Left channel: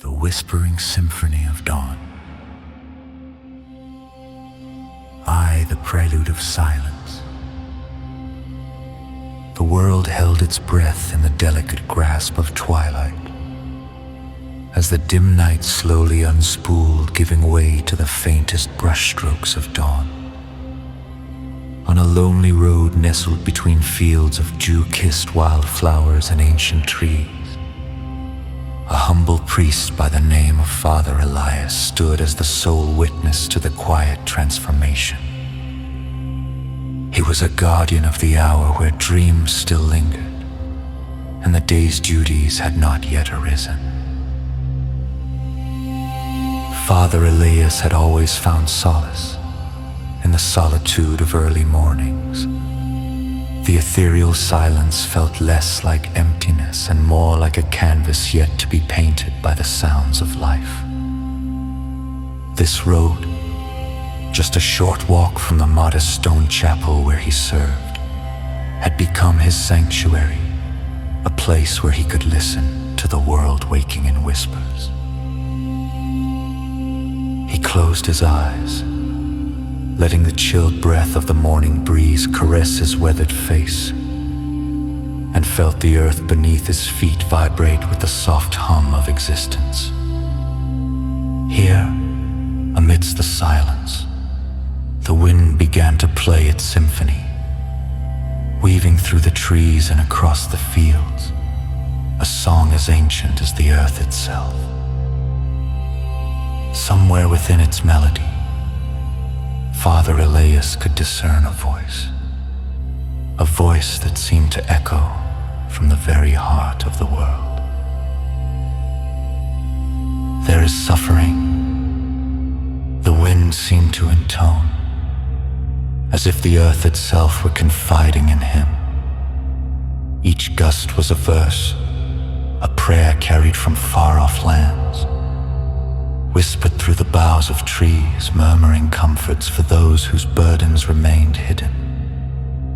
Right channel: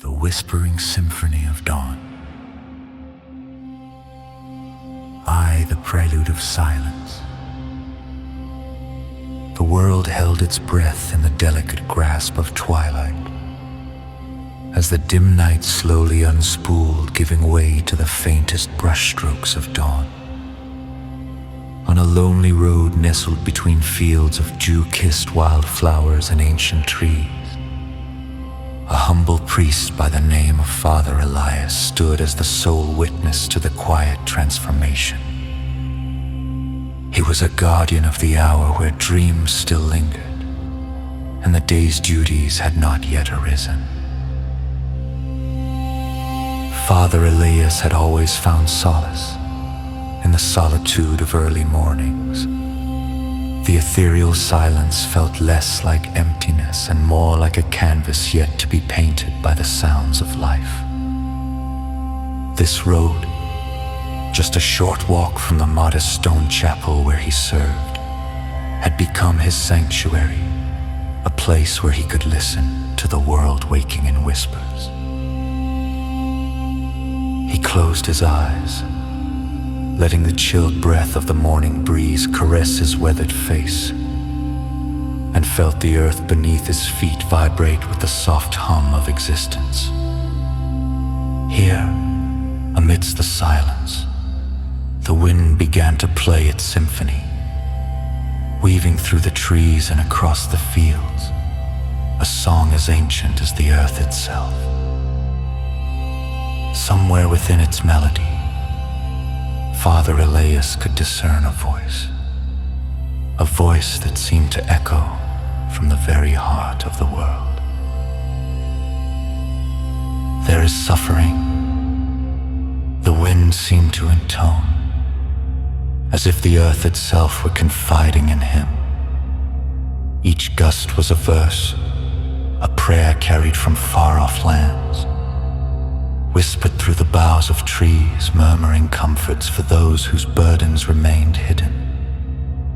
the whispering symphony of dawn. I, the prelude of silence. The world held its breath in the delicate grasp of twilight, as the dim night slowly unspooled, giving way to the faintest brushstrokes of dawn. On a lonely road nestled between fields of dew-kissed wildflowers and ancient trees, a humble priest by the name of Father Elias stood as the sole witness to the quiet transformation. He was a guardian of the hour where dreams still lingered, and the day's duties had not yet arisen. Father Elias had always found solace in the solitude of early mornings. The ethereal silence felt less like emptiness and more like a canvas yet to be painted by the sounds of life. This road, just a short walk from the modest stone chapel where he served, had become his sanctuary, a place where he could listen to the world waking in whispers. He closed his eyes, letting the chilled breath of the morning breeze caress his weathered face, and felt the earth beneath his feet vibrate with the soft hum of existence. Here, amidst the silence, the wind began to play its symphony, weaving through the trees and across the fields, a song as ancient as the earth itself. Somewhere within its melody, Father Elias could discern a voice that seemed to echo from the very heart of the world. There is suffering, the wind seemed to intone, as if the earth itself were confiding in him. Each gust was a verse, a prayer carried from far-off lands, whispered through the boughs of trees, murmuring comforts for those whose burdens remained hidden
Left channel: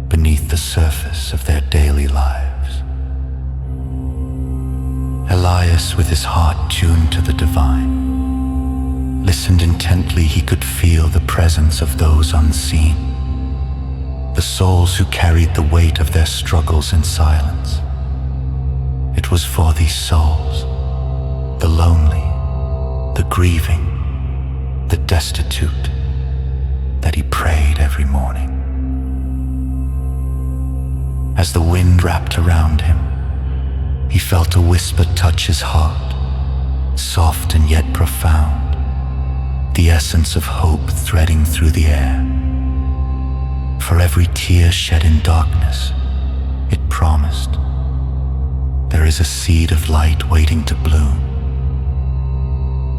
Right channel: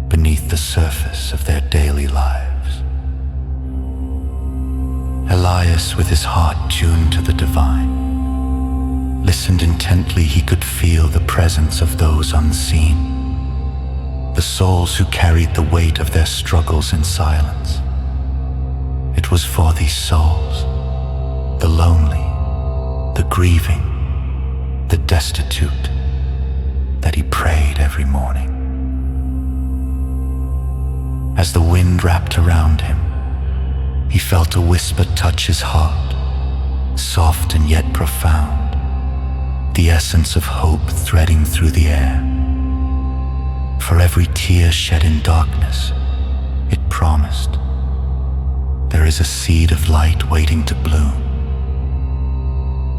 beneath the surface of their daily lives. Elias, with his heart tuned to the divine, listened intently. He could feel the presence of those unseen, the souls who carried the weight of their struggles in silence. It was for these souls, the lonely, the grieving, the destitute, that he prayed every morning. As the wind wrapped around him, he felt a whisper touch his heart, soft and yet profound, the essence of hope threading through the air. For every tear shed in darkness, it promised, there is a seed of light waiting to bloom.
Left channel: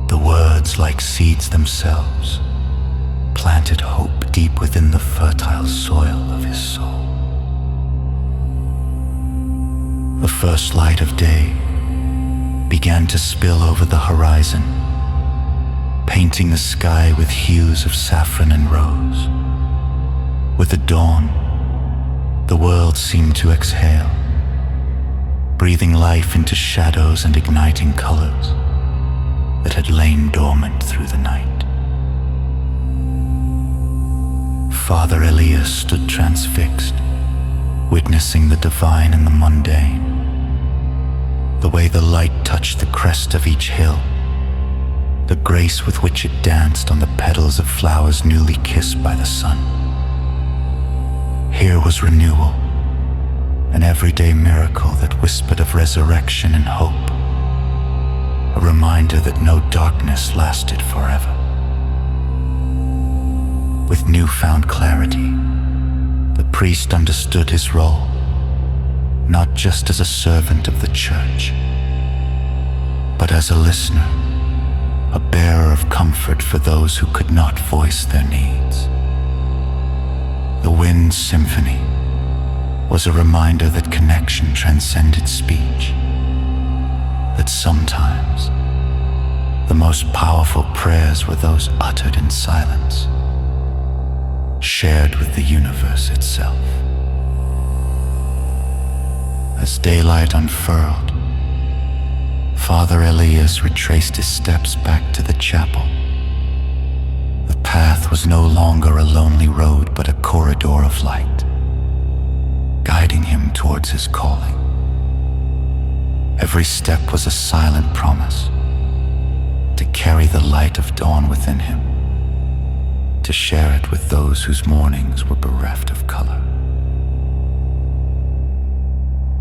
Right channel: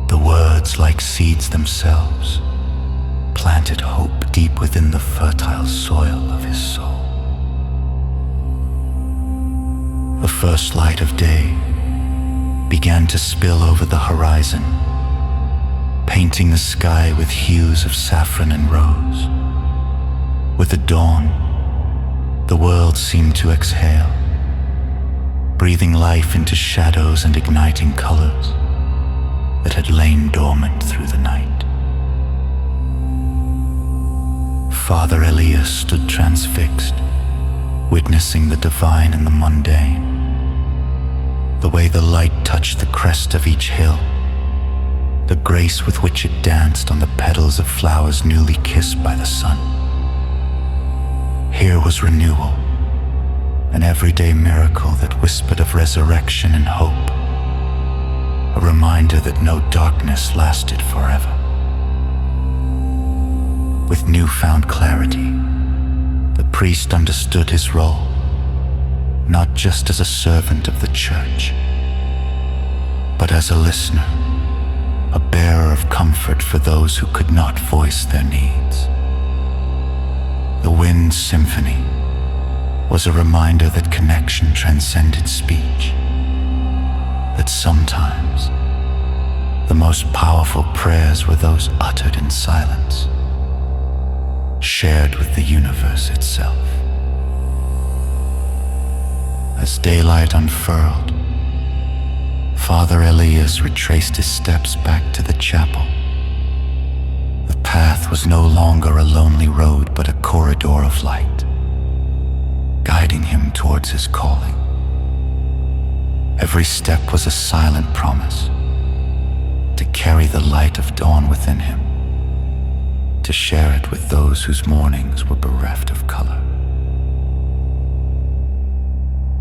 The words, like seeds themselves, planted hope deep within the fertile soil of his soul. The first light of day began to spill over the horizon, painting the sky with hues of saffron and rose. With the dawn, the world seemed to exhale, breathing life into shadows and igniting colors that had lain dormant through the night. Father Elias stood transfixed, witnessing the divine in the mundane, the way the light touched the crest of each hill, the grace with which it danced on the petals of flowers newly kissed by the sun. Here was renewal, an everyday miracle that whispered of resurrection and hope, a reminder that no darkness lasted forever. With newfound clarity, the priest understood his role, not just as a servant of the church, but as a listener, a bearer of comfort for those who could not voice their needs. The wind's symphony was a reminder that connection transcended speech, that sometimes the most powerful prayers were those uttered in silence, shared with the universe itself. As daylight unfurled, Father Elias retraced his steps back to the chapel. The path was no longer a lonely road, but a corridor of light, guiding him towards his calling. Every step was a silent promise to carry the light of dawn within him, to share it with those whose mornings were bereft of color.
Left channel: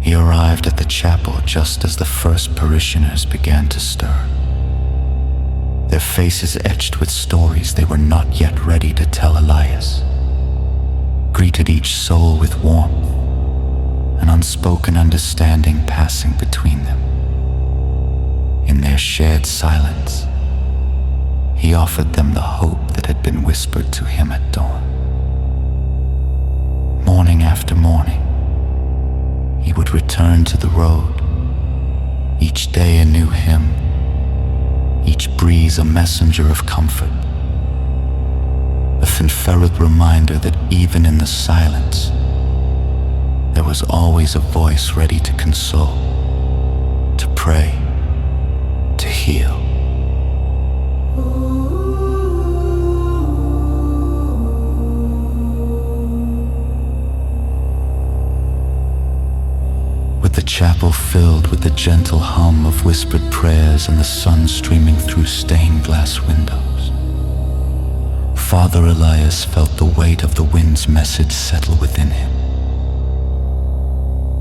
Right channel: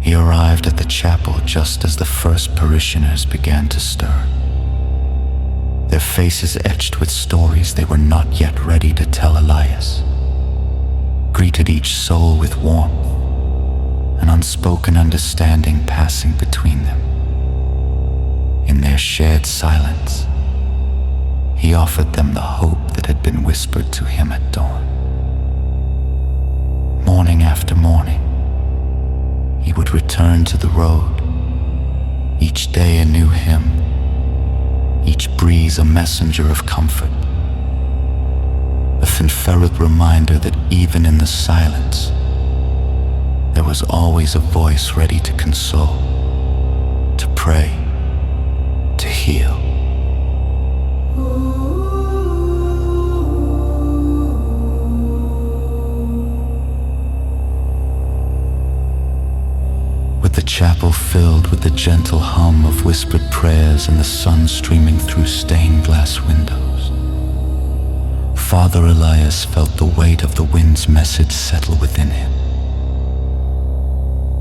He arrived at the chapel just as the first parishioners began to stir, their faces etched with stories they were not yet ready to tell Elias, greeted each soul with warmth, an unspoken understanding passing between them. In their shared silence, he offered them the hope that had been whispered to him at dawn. Morning after morning, he would return to the road, each day a new hymn, each breeze a messenger of comfort, a fanfared reminder that even in the silence, there was always a voice ready to console, to pray, to heal. With the chapel filled with the gentle hum of whispered prayers and the sun streaming through stained glass windows, Father Elias felt the weight of the wind's message settle within him.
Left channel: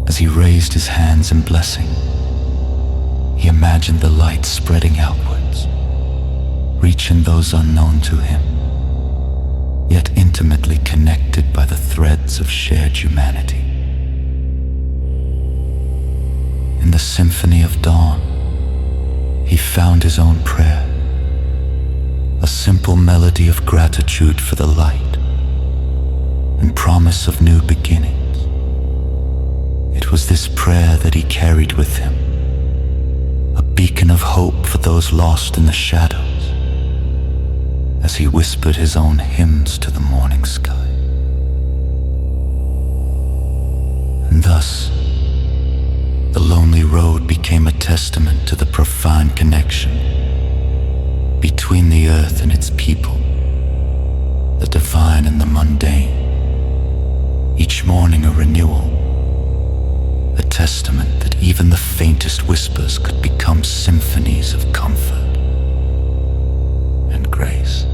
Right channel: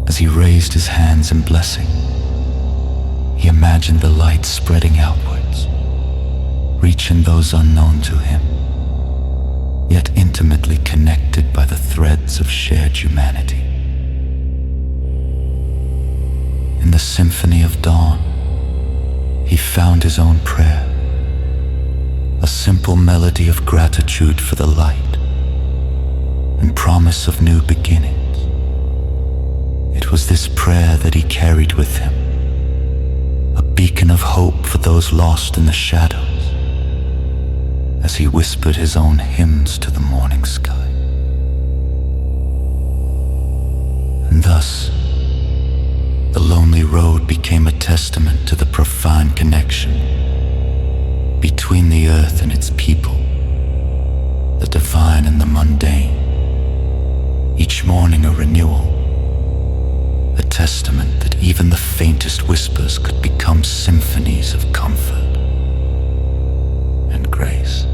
As he raised his hands in blessing, he imagined the light spreading outwards, reaching those unknown to him, yet intimately connected by the threads of shared humanity. In the symphony of dawn, he found his own prayer, a simple melody of gratitude for the light and promise of new beginnings. It was this prayer that he carried with him, a beacon of hope for those lost in the shadows, as he whispered his own hymns to the morning sky. And thus, the lonely road became a testament to the profound connection between the earth and its people, the divine and the mundane. Each morning a renewal, a testament that even the faintest whispers could become symphonies of comfort and grace.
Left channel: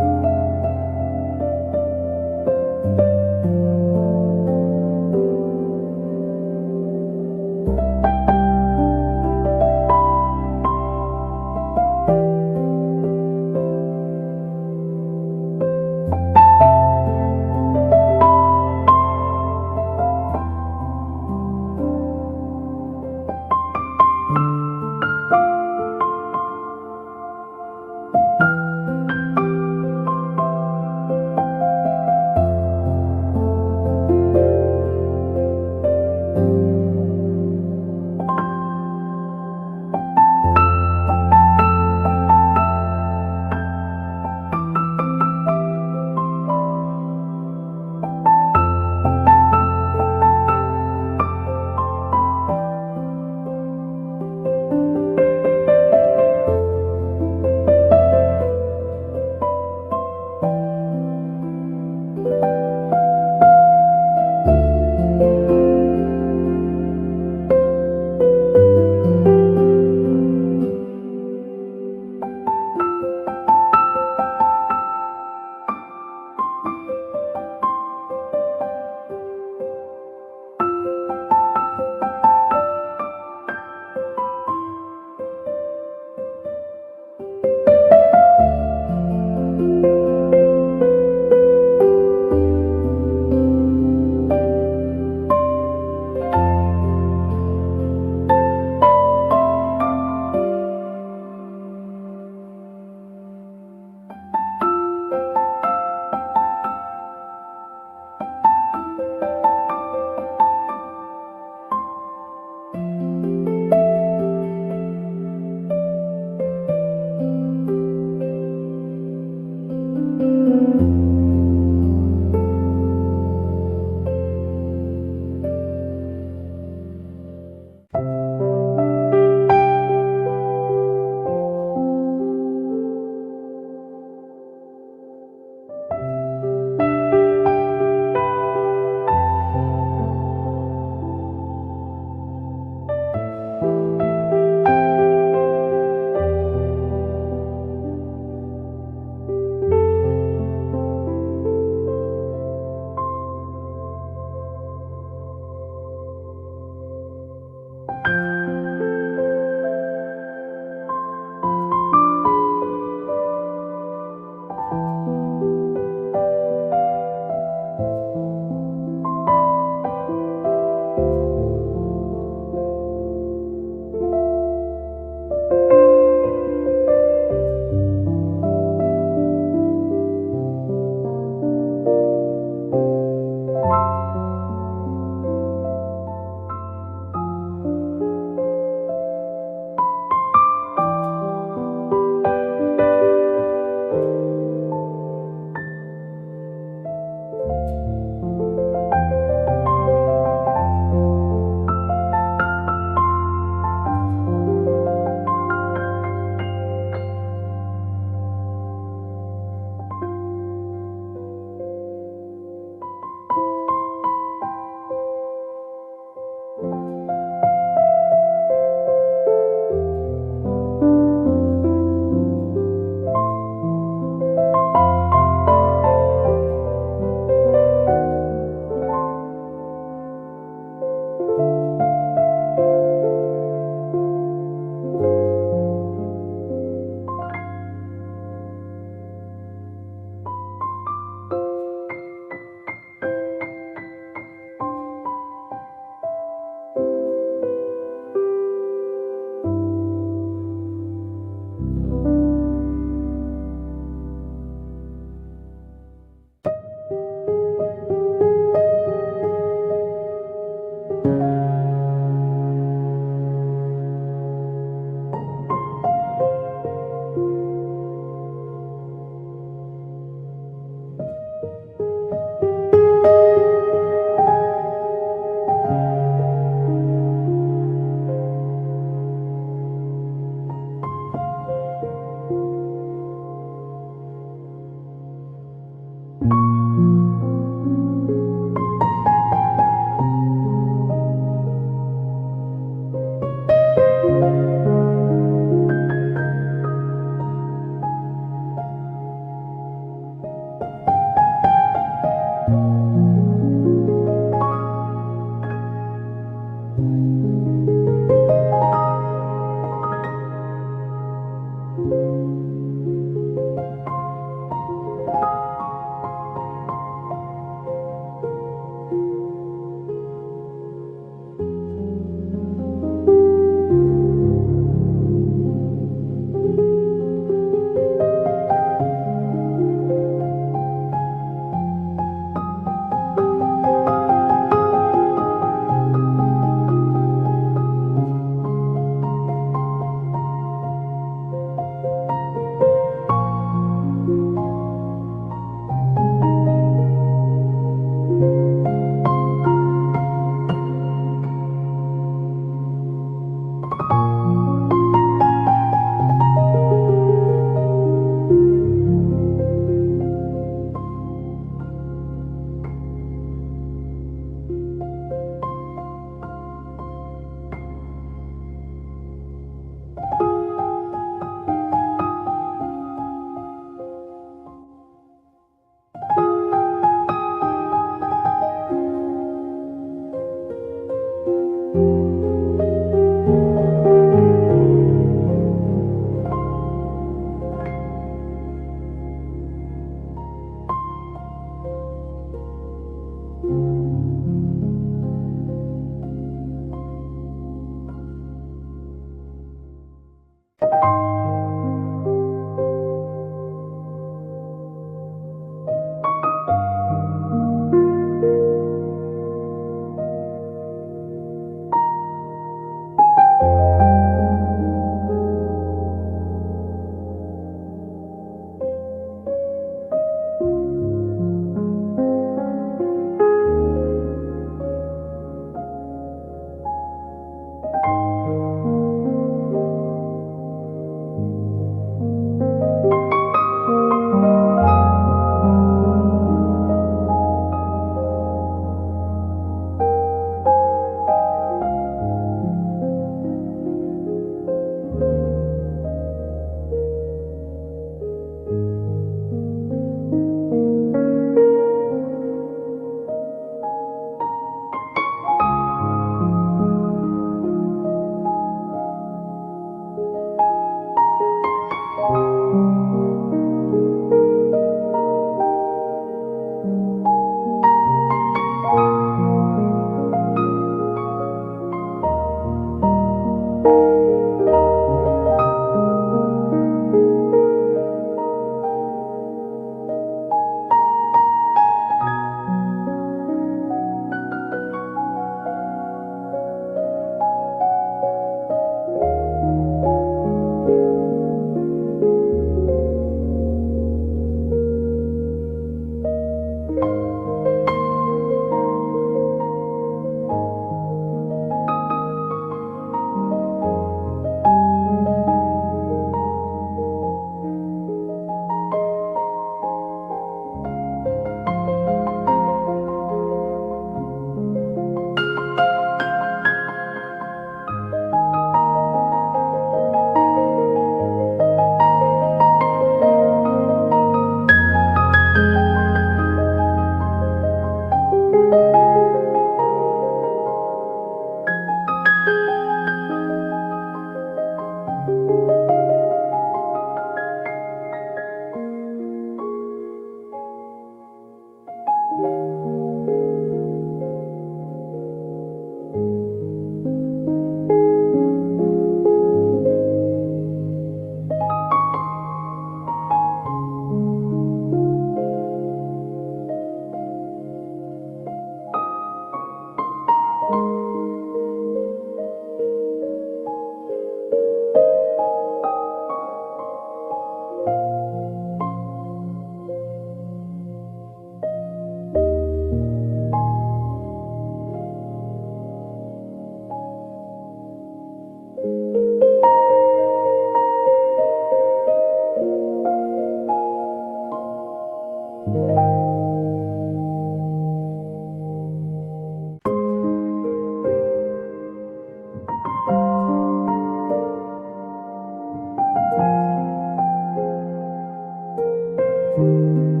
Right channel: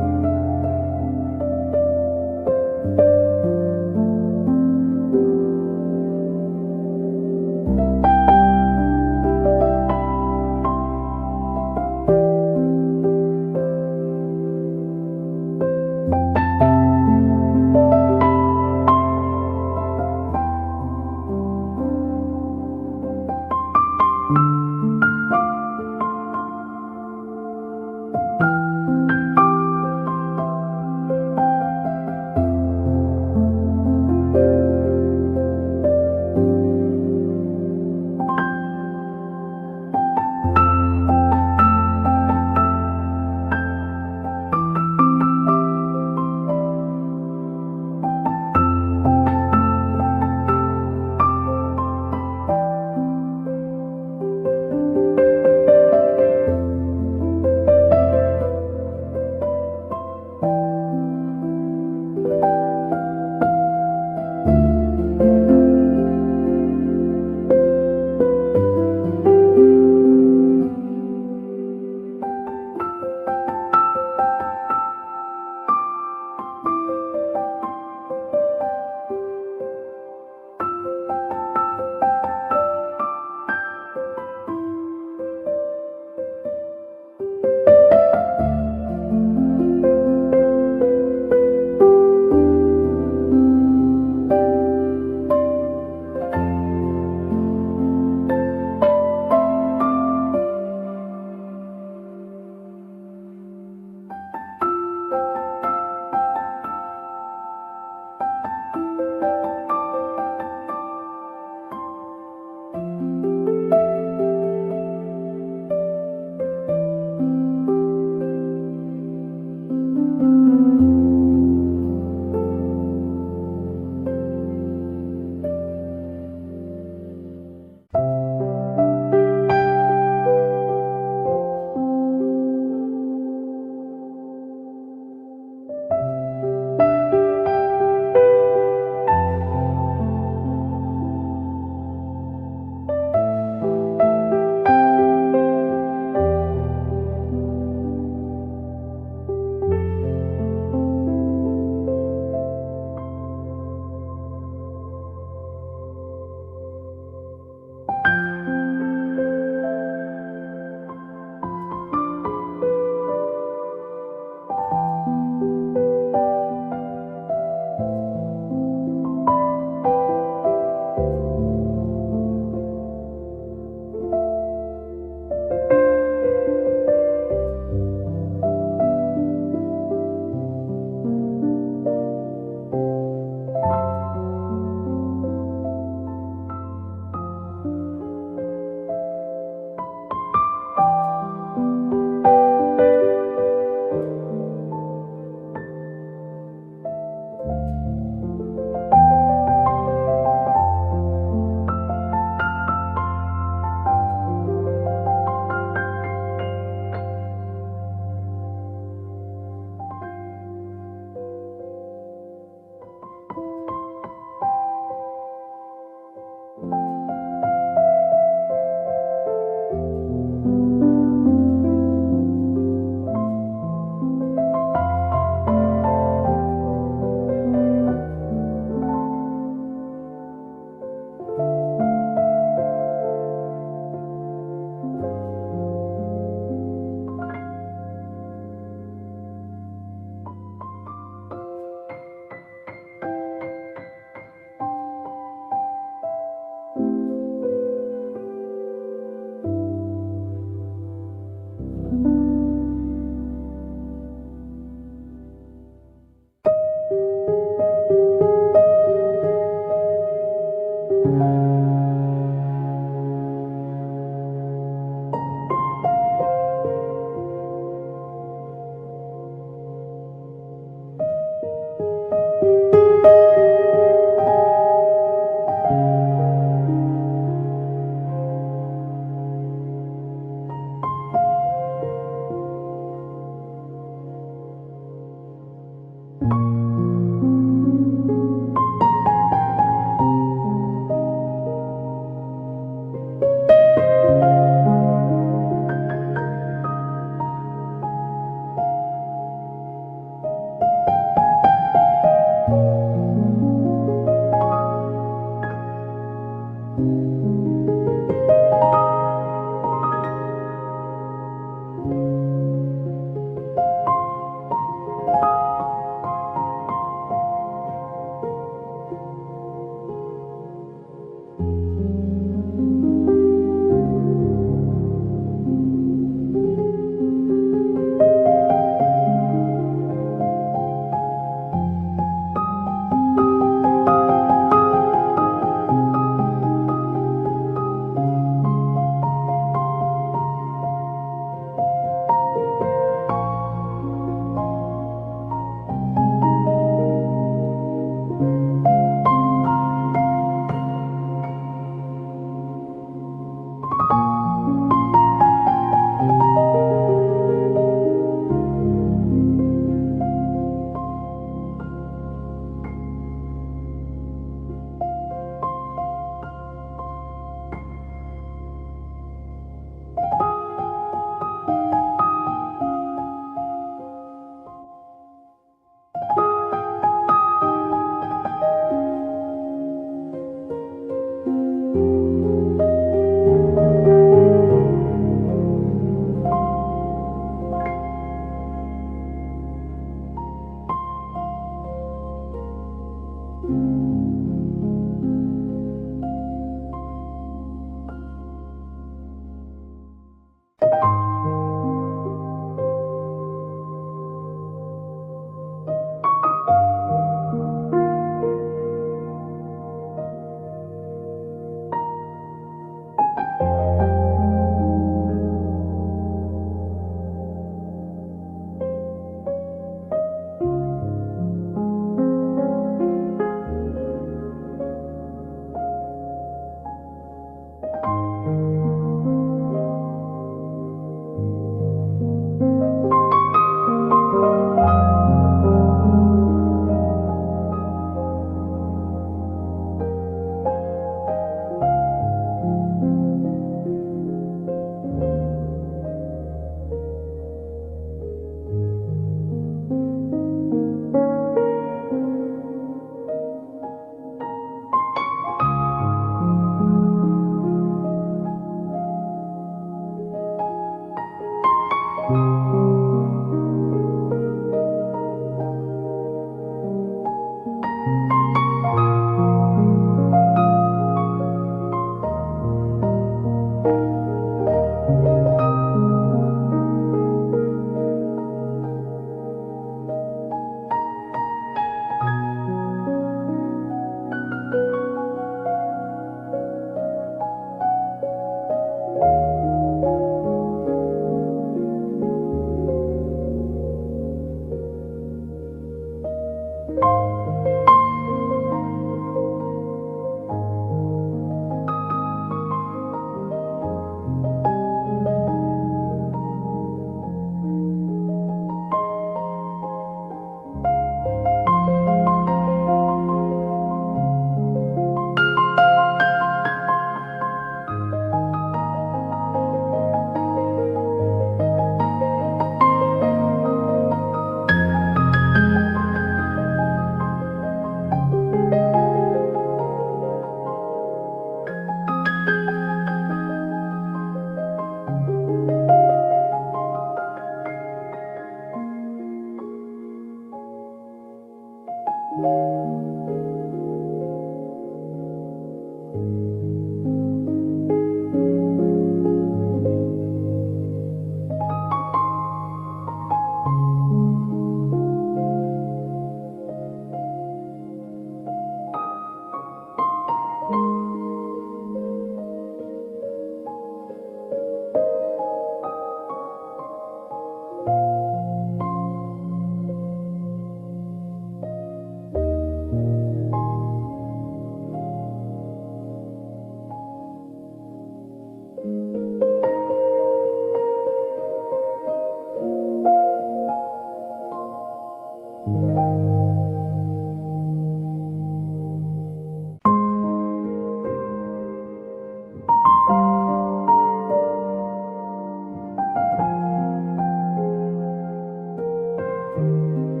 you.